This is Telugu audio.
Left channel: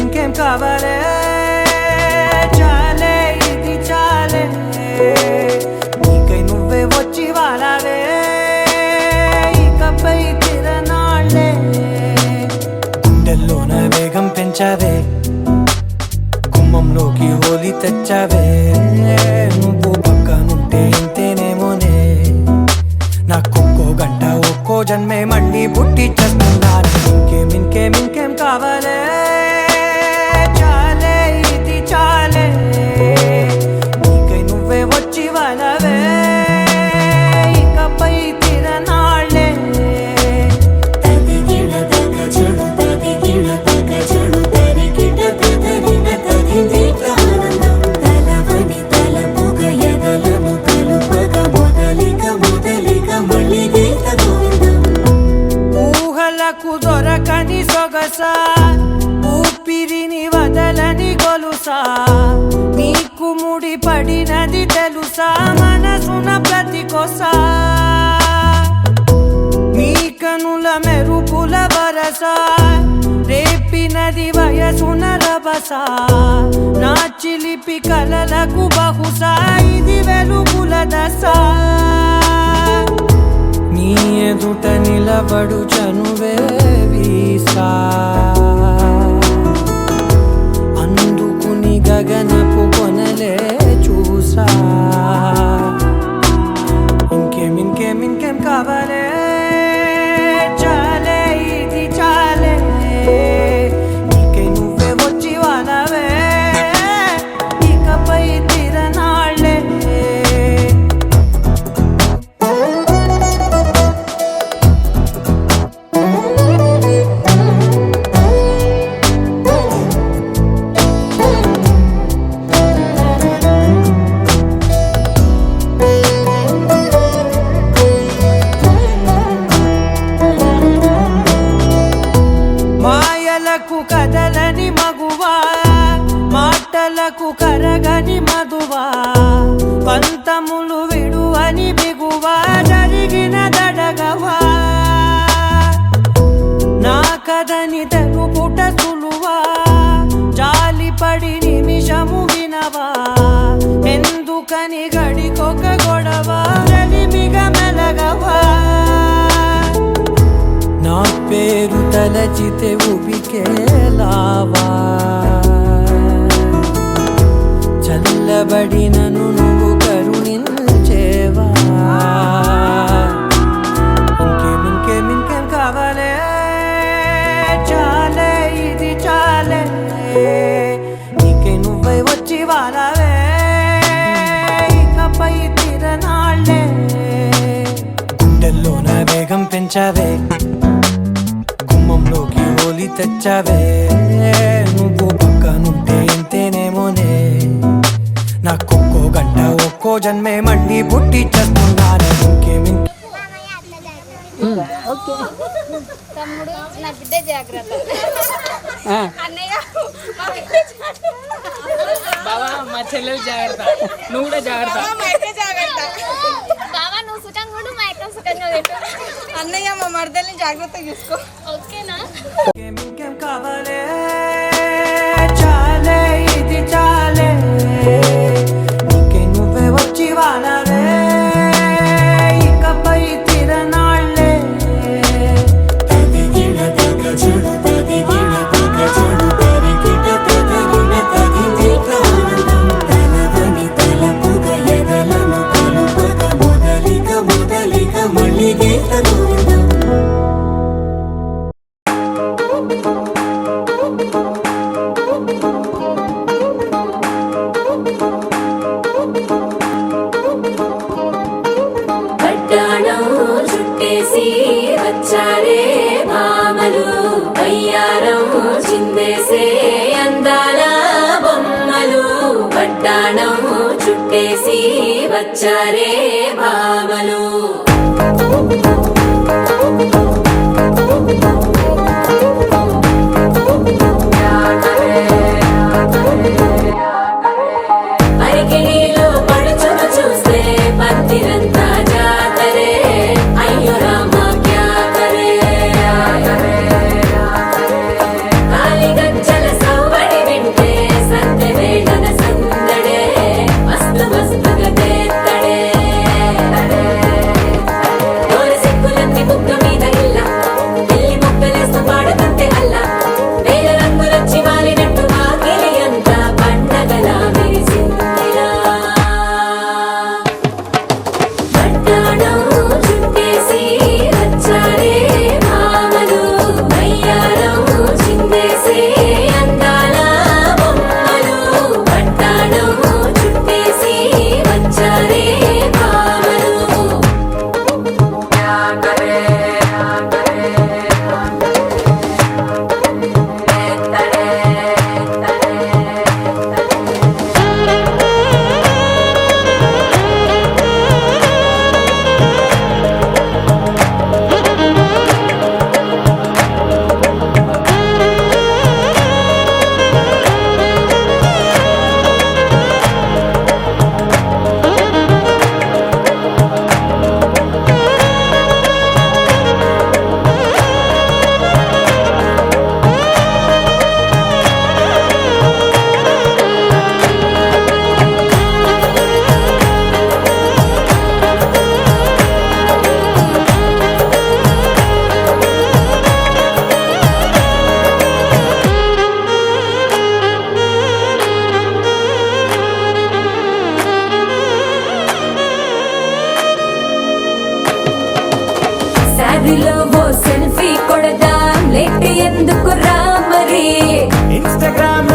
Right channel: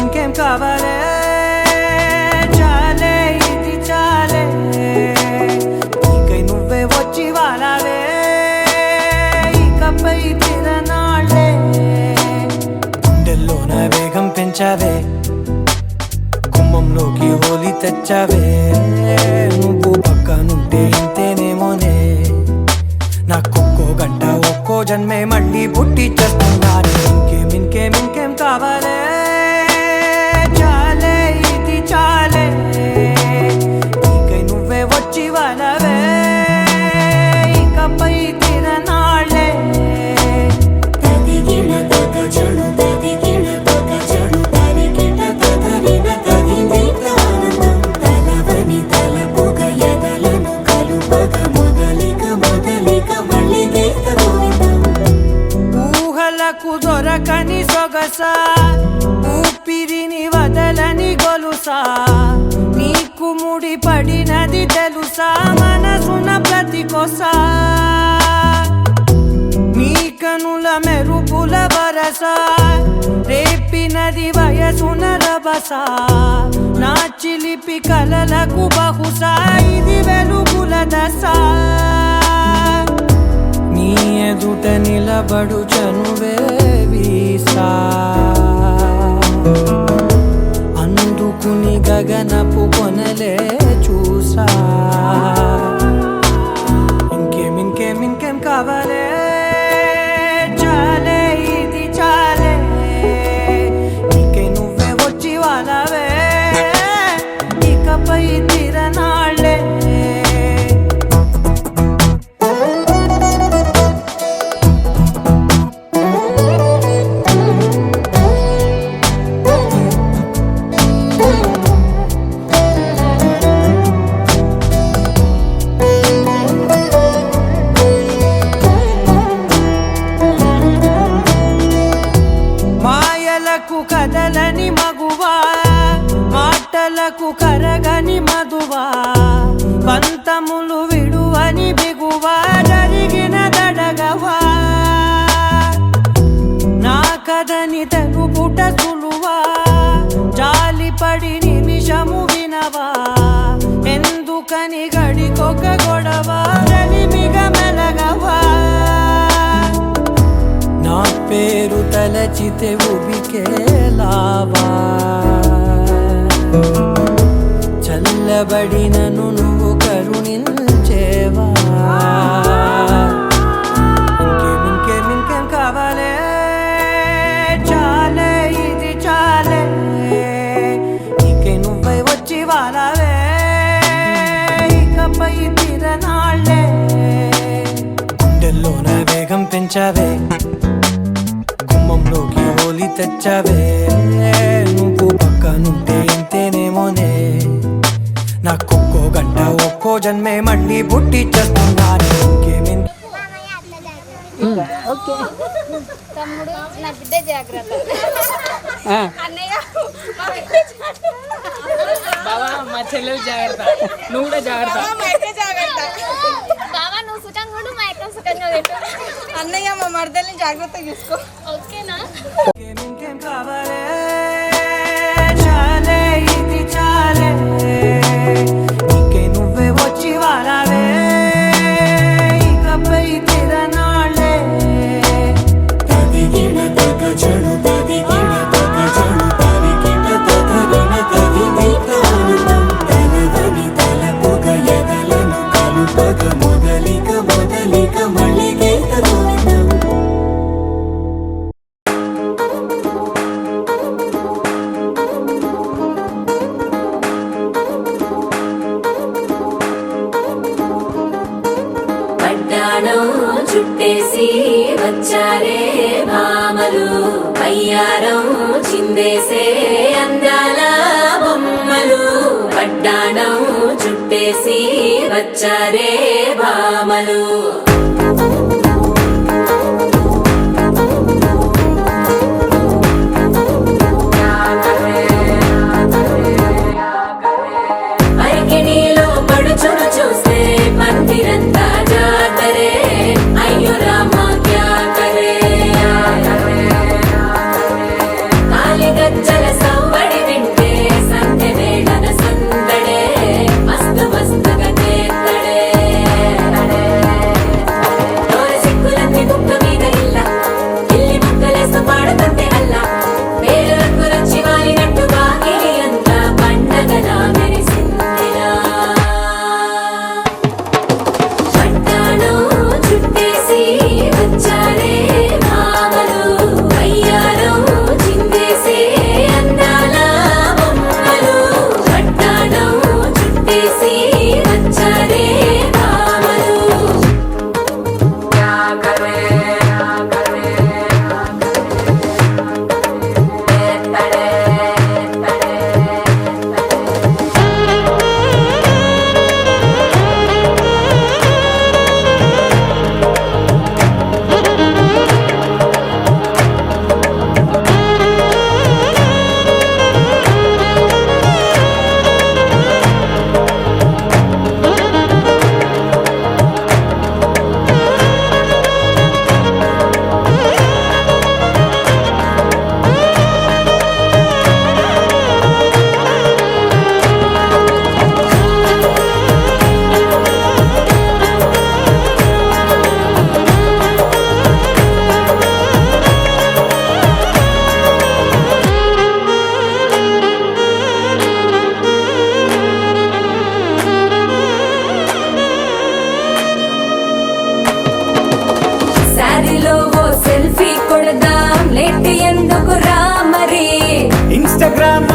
ఇంకేం కావాలే చాలే ఇది చాలే నీకై నువ్వే వచ్చి వాలావే ఇకపై తిరనాళ్ళే గుండెల్లోన వేగం పెంచావే గుమ్మంలోకి హోలీ తెచ్చావే నువ్వు పక్కనుంటే ఇంతేనేమోనే నాకొక్కో గంట ఒక్కో జన్మే మళ్ళీ పుట్టి చేస్తున్నాను ఇంకేం కావాలే చాలే ఇది చాలే నీకై నువ్వే వచ్చి వాలవే ఇకపై తిరనాళ్ళే ఊహలకు దొరకని సొగసా ఊపిరిని వదలని గొలుసా నీకు ముడి పడినది తెలుసా మనసున ప్రతి కొసా నీ కనుల మెరుపుల వరసా రేపినది వయసున రభసా నా చిలిపి కలలకు బహుశా ఇది వెలుగుల దశ నీ ఎదుట నిలబడు చనువే వీసా అందుకుని గగనపు కొనలే చూసా ఇంకేం కావాలే చాలే ఇది చాలే నీకై నువ్వే వచ్చి వాలవే ఇకపై తిరనాళ్ళే కదలని మగువా మాటలకు కరగని మధువా పంతములు విడువని బిగువా జరిగిన దడగవా నా కదని తెలుపుట సులువా జాలిపడి నిమిషము వినవా ఎందుకని గడికొక గొడవ రలిమిగ మెలగవా నా పేరు తలచితే ఉబికేలావా చల్లబడినను నువ్వు కరుణించేవా ఇంకేం కావాలే చాలే ఇది చాలే నీకై నువ్వై వచ్చి వాలవే ఇకపై తిరనాళ్ళే గుండెల్లోన వేగం పెంచావే గుమ్మంలోకి హోలీ తెచ్చావే నువ్వు పక్కనుంటే ఇంతేనేమోనే నాకొక్కో గంట ఒక్కో జన్మే మళ్ళీ పుట్టి చేస్తున్నాను తమ్ముడు నా బిడ్డ జాగ్రత్త అన్నయ్య బావా మా చెల్లెలు జాగ్రత్త నువ్వు కూడా జాగ్రత్త బావా నువ్వు సుఖంగా ఉండు మా అక్క సుఖంగా పెట్టు అన్నయ్య మా మరదల్ని జాగ్రత్తగా చూసుకో ఓకేనా చాలే ఇది చాలే నీకై నువ్వే వచ్చి వాలవే ఇకపై తిరనాళ్ళే వడ్డాణం చుట్టేసి వచ్చారే భామలు అరికిణీలో పడుచును చూస్తే మందిరంతా జాతరే అయ్యో రామా క్యా కరే కాలిగజ్జల సవ్వడి వింటే సందె వేళన సందడే మస్తు మస్తుగా చేత్తడే డోరి సిక్కులన్నీ కుక్క మీద ఇల్ల పిల్లి మొక్కలేస్తూ పాడుతుంటే అల్ల వేల రంగులొచ్చి వాలినట్టుగా గిలి అంతా పండగలా మెరిసిందిలా వడ్డాణం చుట్టేసి వచ్చారే భామలు వయ్యారం చిందేసే అందాల బొమ్మలు వడ్డాణం చుట్టేసి వచ్చారే భామలు శారీలో ఓ సెల్ఫీ కొడదాం లేట్ ఎందుకు రా మరి ఇన్స్టాగ్రామ్